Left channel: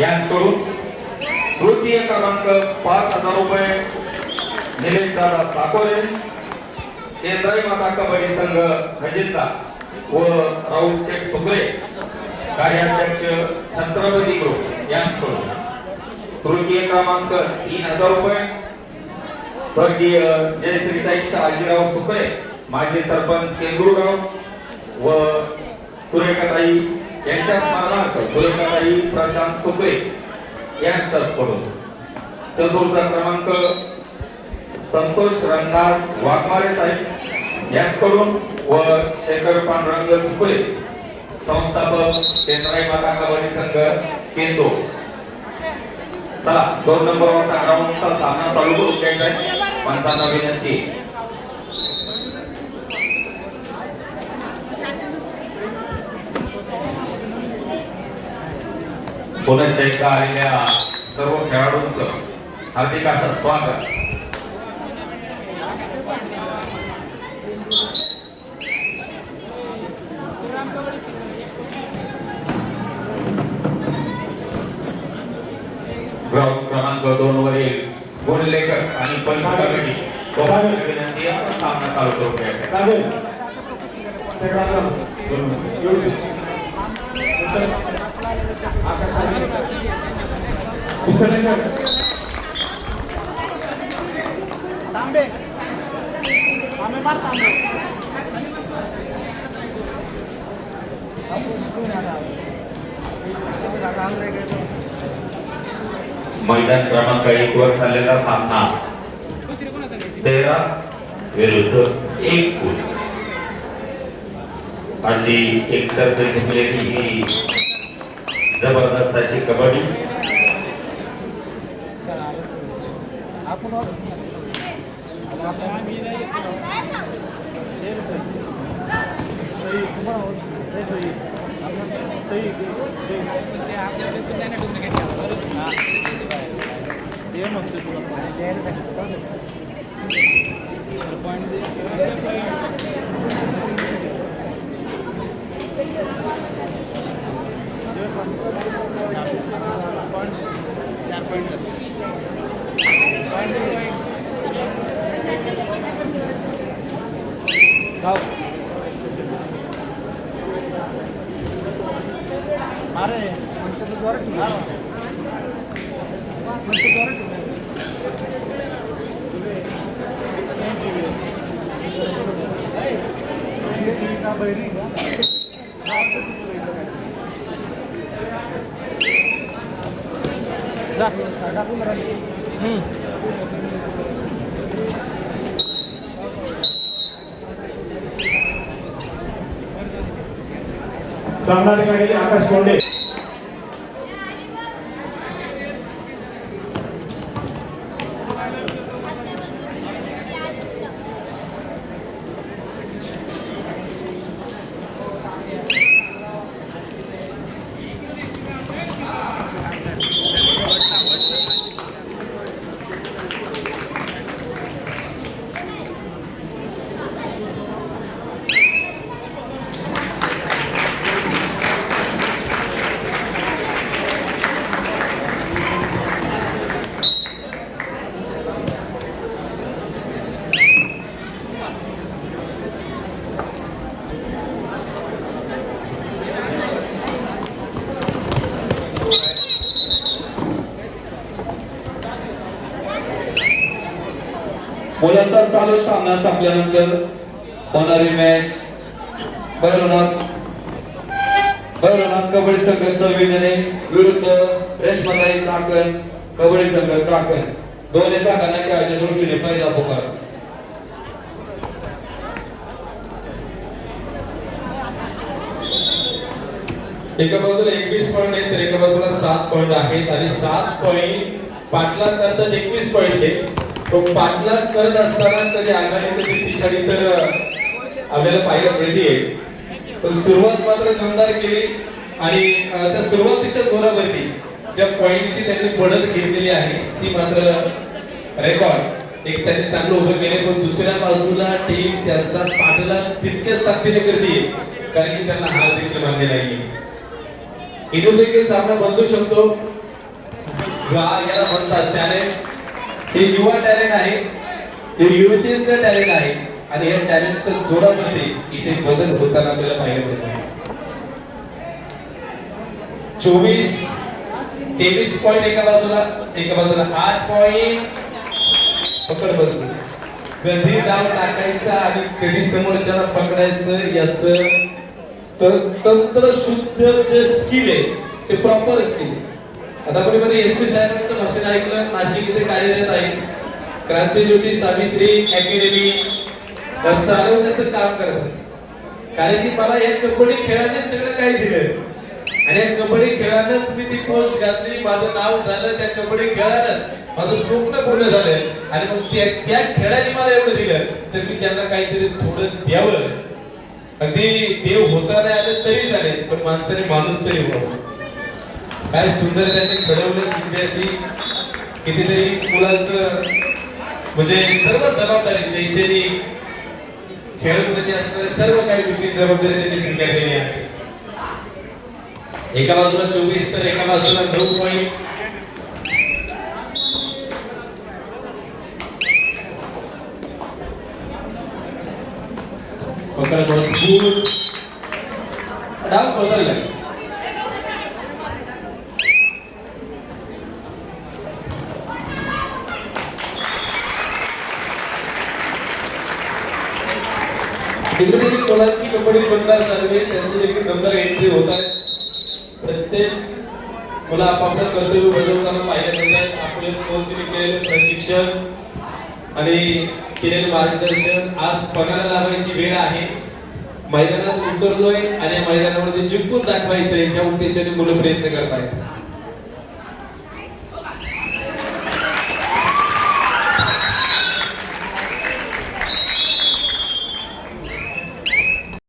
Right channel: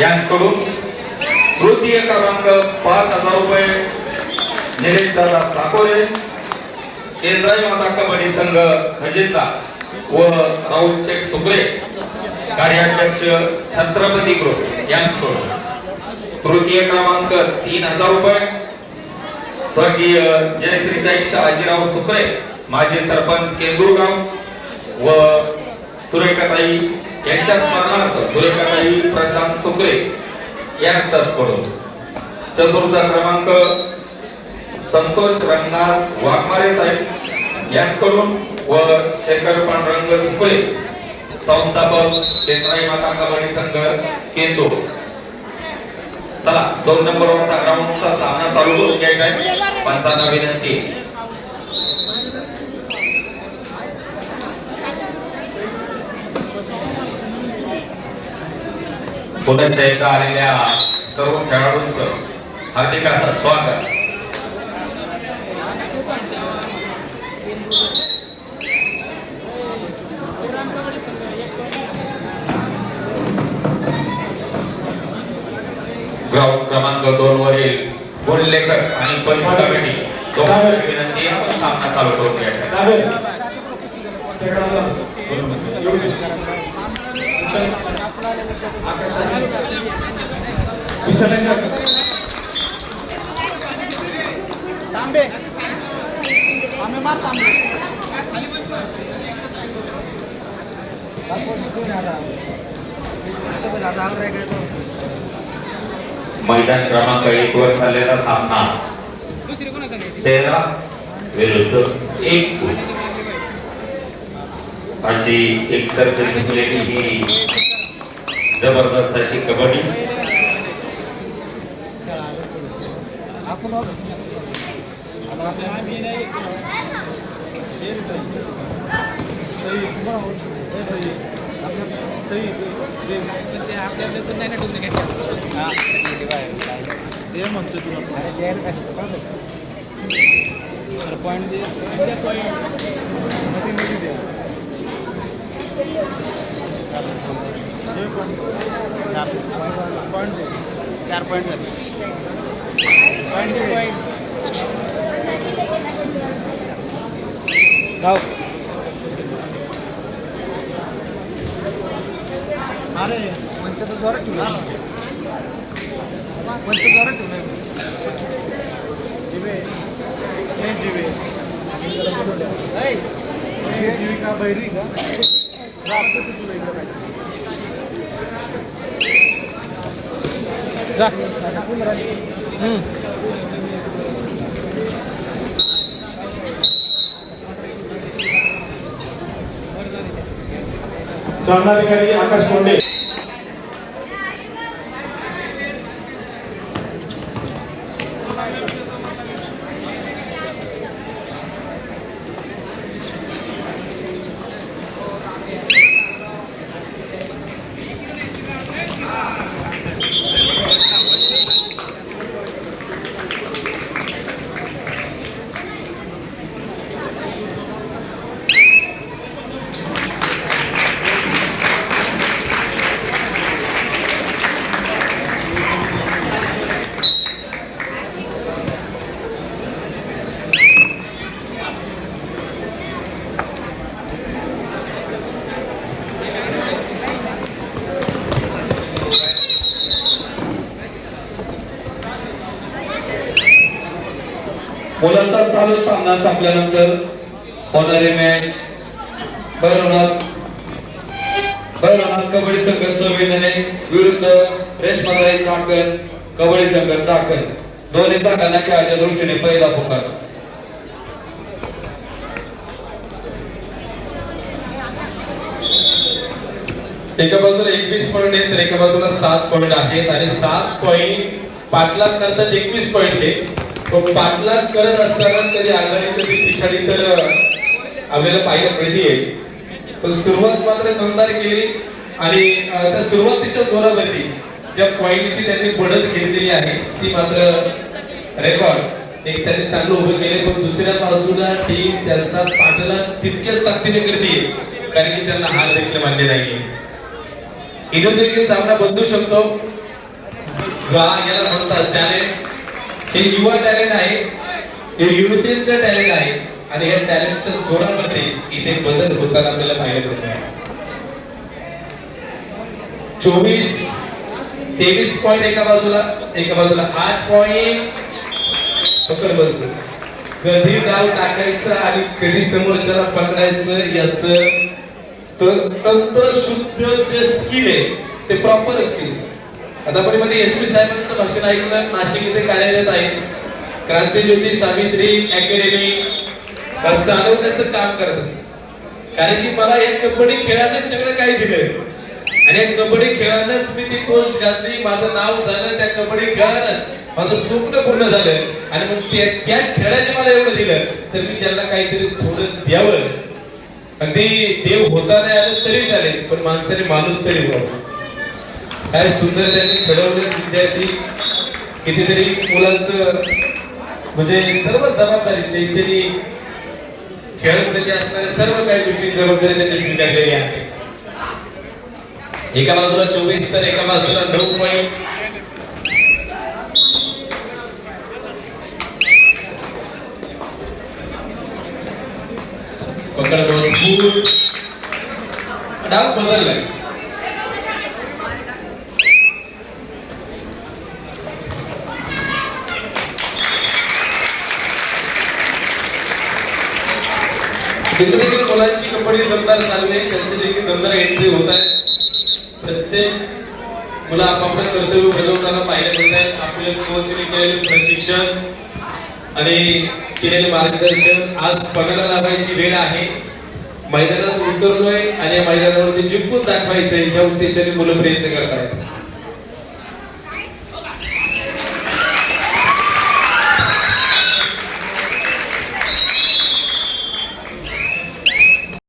यांकडून तृतीय क्रमांक 5,000 रुपये निलेश दादा साकोरे, केंद्राई माता कबड्डी संघ खजिनदा व राहुल शेठ सुकरे कार्याध्यक्ष छत्रपती ग्रुप यांकडून तृतीय क्रमांक 3,000 रुपये स्वर्गीय जयश्रीताई शहाजीराव सुकरे माजी सरपंच केंद्रुगाव व सुरेखाताई यांच्या स्मरणार्थ सुरेखाताई प्रशांत सुकरे यांच्याकडून चतुर्थ क्रमांक संतोष रंगनाथ वाघमारे साहेब यांच्याकडून व शेखर पांडुरंग सुकरे संस्थापक केंद्राई माता कबड्डी संघ केंदूर। चला 2 नंबरवरचा ग्राउंडचा सामना चालू करून घ्यायचा आहे। पंचांना विनंती पुनश्च एकदा आलेल्या सर्व खेळाडूंचं हार्दिक असं स्वागत। ग्राउंड क्रमांक 2 वरील गुणलेखक आणि पंच कमिटी दोघांची विनंती आहे सामना चालू करून घ्यायचा मैदान क्रमांक 1 वर चाललेला सामना 13 विरुद्ध 1 अशी एकतर्फी जिंकलेली ही जबरदस्त अशी कबड्डी। सामनाधिकारी आकाश कोंडे मुलांचा चालू सामना संपल्यानंतर होणारी मॅच भैरवनाथ कबड्डी संघ सविनने विरुद्ध रेशमाताई चाकण कबड्डी संघ चाकण दोन्ही संघांना खेळाच्या दृष्टीने पहिला पुकार। एका बाजूला 21 पॉइंट आहेत तर एका बाजूला 7 पॉइंट आहेत आणि 7 पॉइंट पाटलाग करतात 21 पॉइंटचे। तो पाटलाग करत असताना कधी आघाडी कधी पिछाडी तर आपल्याला पाहायला मिळते। पण सुरुवात मात्र दमदार केली आणि त्या सुरुवातीच्या जोरावरती ज्या पॉइंटची त्यांनी बढ़त घेतलेली आहे ती मात्र रेकॉर्ड एक त्यांनी चांगलं उभं केले। पण दुसऱ्या बाजूला टीम त्यांचा पाठलाग तितक्याच ताकदीने करते कारण की त्यांना हार देखील मान्य नाही। इथे देखील सामना बदलू शकतो वा याला म्हणतात टॅलेंट. हे युवा टॅलेंट आहे, हे युवतींचं टॅलेंट आहे आणि या टॅलेंटच्या जोरामध्ये इथे बदल होताना आपल्याला पाहायला मिळतो. 23 पॉईंट एका बाजूला 8 पॉईंट. पकड बसलो. कधी डाव टाकायचा आणि कधी समोरच्याला पकडायचं याचं तंत्र शुद्ध जे स्किल आहे ते प्रॉपर स्किल. आता आपण मध्ये एसपी साहेबांचं भाषण ऐकलं. नाशिक इथे कार्यरत आहे, क्रांतीज्योती सावित्री अकॅडमी चालवण्याचं काम करत. कारण की मला या कबड्डी खेळाने सगळं काही दिलं आणि या कबड्डी खेळानंच मी ती पोस्ट घातली. माझं नाव झालं त्या कबड्डी खेळानंच, माझं स्वप्न पूर्ण झालं. आणि मग त्या खेळाने मला एवढं दिलं तर मी त्यांना काहीतरी थोडं द्यावं. अगदी देव होता नाही आलं तरी चालेल, पण माणसाने माणूस तरी व्हावं. काय सुंदर त्यांनी घडवले विद्यार्थी. कितीतरी मुलांचं म्हणजे सर्व जबाबदारी शैक्षणिक खेळामध्ये असणाऱ्या सर्व काही गोष्टी जबाबदारी त्यांनी स्वीकारलेली आहे. एका बाजूला 24 तर एका बाजूला 9 पॉईंट. पकड मजबूत. डाव बदलला. कितीतरी मुलांची कबड्डी दमदार चालू आहे, त्यांचे देखील दमदार एंट्री होत आहे. प्रत्येक मुलं आपापलं कर्तव्य बजावताना पाहिजे मिळतात. आपले कोचने केलेले प्रशिक्षण आणि केलेले मार्गदर्शन आज पणाला लावायची वेळ आहे. मैदानात उतरलोय आणि या मैदानावरती जिंकून दाखवायचंय ह्या उद्देशाने मुलं प्रयत्न करत आहेत.